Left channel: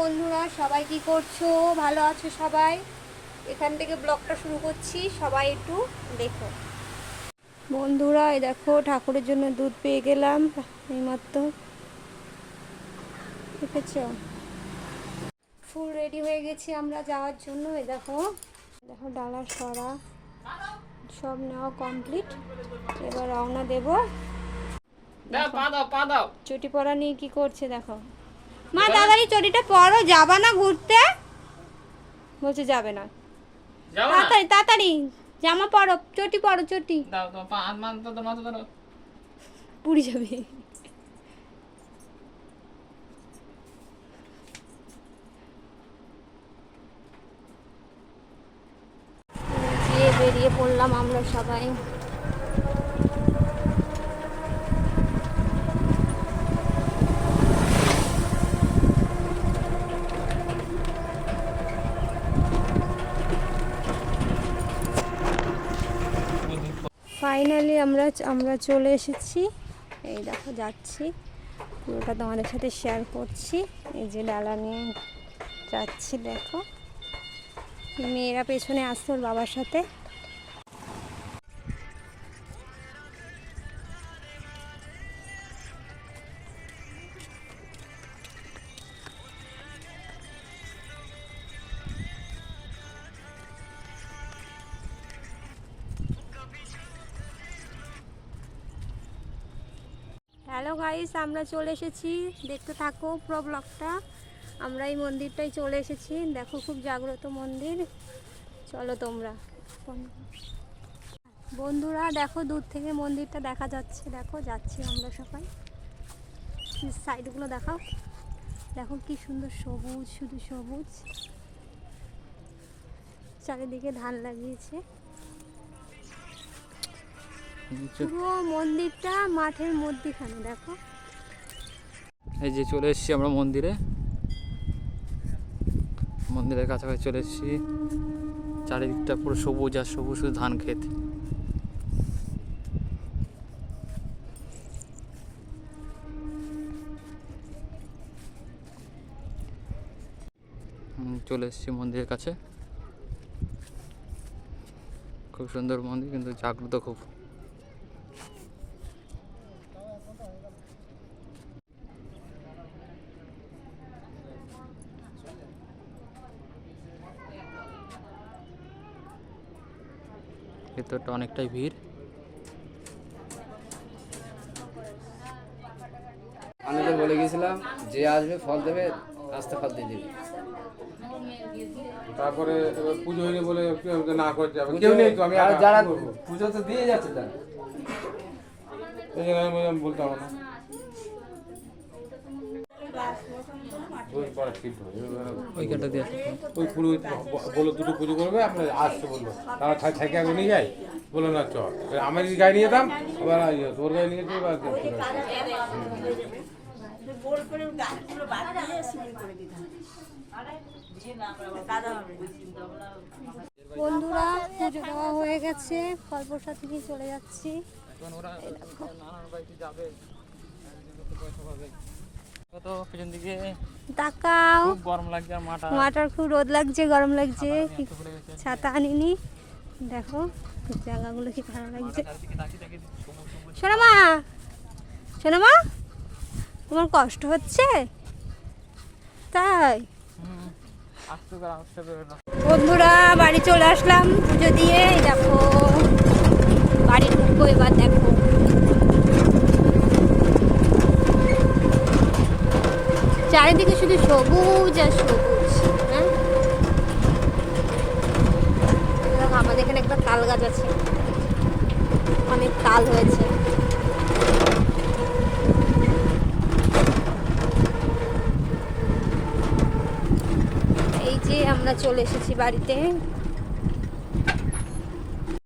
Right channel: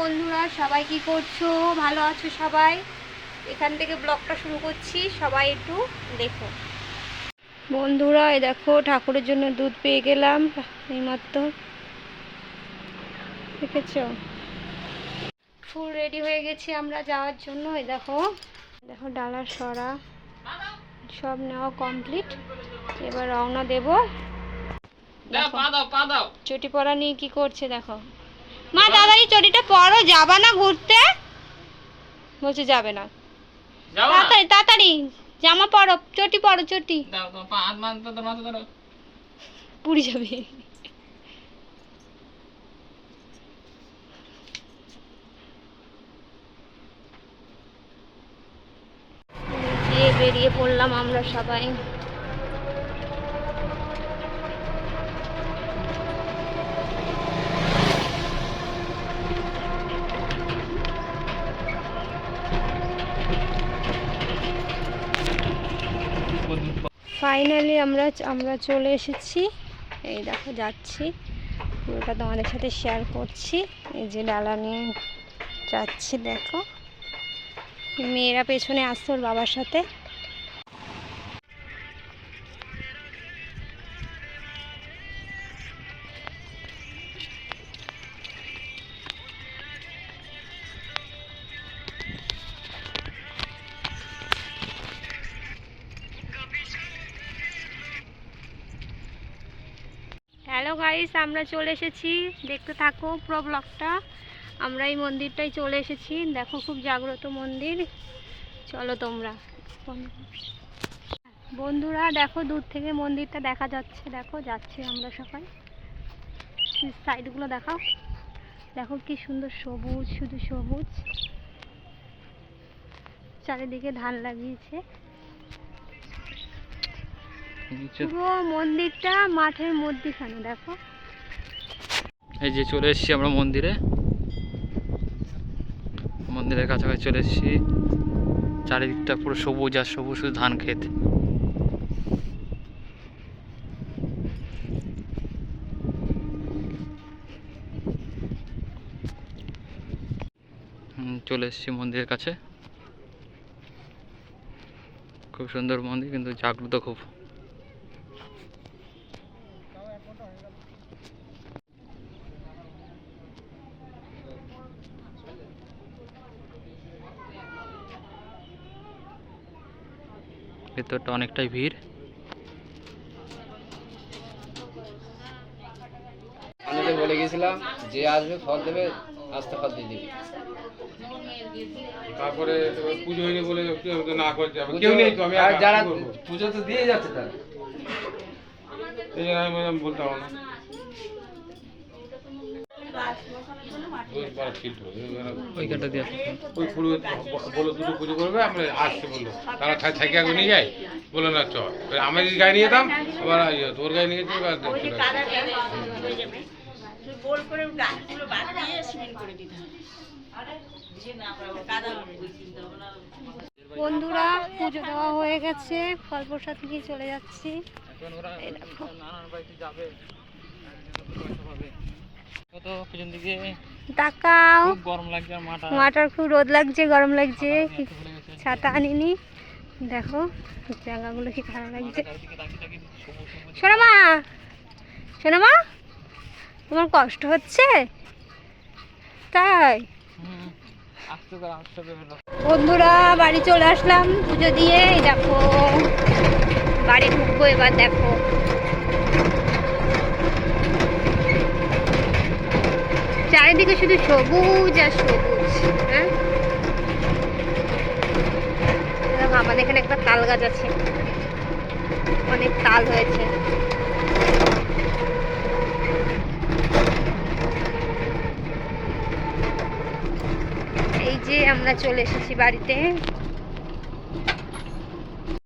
বন্ধুরা সবাই কি করছ? ভালো আছো সবাই? এখান থেকে ব্লগটা শুরু করছি সবাই একটু দেখো। বন্ধুরা এই দেখো ঠাকুরের জন্য দুধ পেয়ে গেলাম এইমাত্র। দেখেছ? ফুল রেডি হয়ে গেছি আমরা যাওয়ার জন্য এই দেখো। দেখো ডালার সরা। সব নেওয়া কমপ্লিট। এবার রওনা দেবো। চটি পরা নিয়ে কি করছে দেখো। মা দাদারি চটিটা পরো যাবা না ঘুরতে? বলছে যাবে না। তাড়াতাড়ি তাড়াতাড়ি জামা পরো চটি পরো চটি। দাও দাও পা হাত মাথা ধরো ধরো। পুড়ে যাবে। বেরিয়ে পড়লাম আমরা সবাই। ফাইনালি আমরা আমরা চলে এসেছি। এই দেখো যাচ্ছি। পুরোটা তোমাদের সাথে শেয়ার করছি। এই যে ডালা নিয়ে যাচ্ছি, দেখো। মেয়েরা পেছনে আসতো ওর বাবার সাথে। হ্যালো গাইস আমরা চলে এসেছি। দেখতে থাকো পুরো ব্লগটা আমরা এই মন্দিরটাই চলে এসেছি। দেখো খুব জাগ্রত মন্দির। চলো তোমরা। বন্ধুরা, দেখো দূর থেকে মন্দিরটা দেখা যাচ্ছে। দেখো, যাচ্ছি আমরা সবাই। সাইডগুলো দেখাও। দেখো কি সুন্দর সবুজ, শুধু সবুজ। চারিদিকে ধান লাগিয়েছে। পুরো মন্দিরটা মাঠের মধ্যেখানে দেখো। এই যে চলে এসেছি আমরা মন্দিরে। মন্দিরের কাছাকাছি চলে এসেছি। চারিদিকটা পুরো সবুজ আর সবুজ শুধু ধান ক্ষেত। চলে এসেছি মন্দিরের কাছে। খুব সুন্দর মন্দির কিন্তু জাগ্রত খুব। ভেতরটা অনেকটাই ভিড়। আমাদের বলে গেছিলাম যে আসবে ফল দেবে রাস্তা ফল দিয়ে দিবে। তারপরে পুজো হয়নি বলে না করে যাবে? কেউ নেই তো আমি যারা করব? পুজো তো দিয়ে যাচ্ছে তারা। এই জন্য আমি বলতাম বলতে না। দিয়ে ওই দুটো পুজো করবে আমরা আসতে বলল। তারা থাই থাকি আগে নিয়ে যায় বলল না চ আমি নিয়ে যেতাম আবার ইয়ে, তোর নিয়ে যেতে বন্ধুরা পুজো দেওয়া হয়ে গেছে ফল প্রসাদ নিয়ে চলে যাচ্ছি। নানার বাড়িতে যাবে। তাকাও। মাটার খুব রোদ লাগছে গরম লাগছে। ছাতা আনিনি। দেখো জায়গাগুলো কি খারাপ লাগছে। শোনো মা শোনো মা তোমার কষ্ট হচ্ছে? তাই? বন্ধুরা বাড়ি চলে আসলাম পুজো দিয়ে। দেখো বাড়ি ঢুকবো এবার দেখো। চারিদিকে শুধু সবুজ আর সবুজ হ্যাঁ? আমাদের এখানে একটা তাল গাছ আছে। অনেক তাল হয়েছে। এই যে আমরা চলে এসেছি বাড়িতে।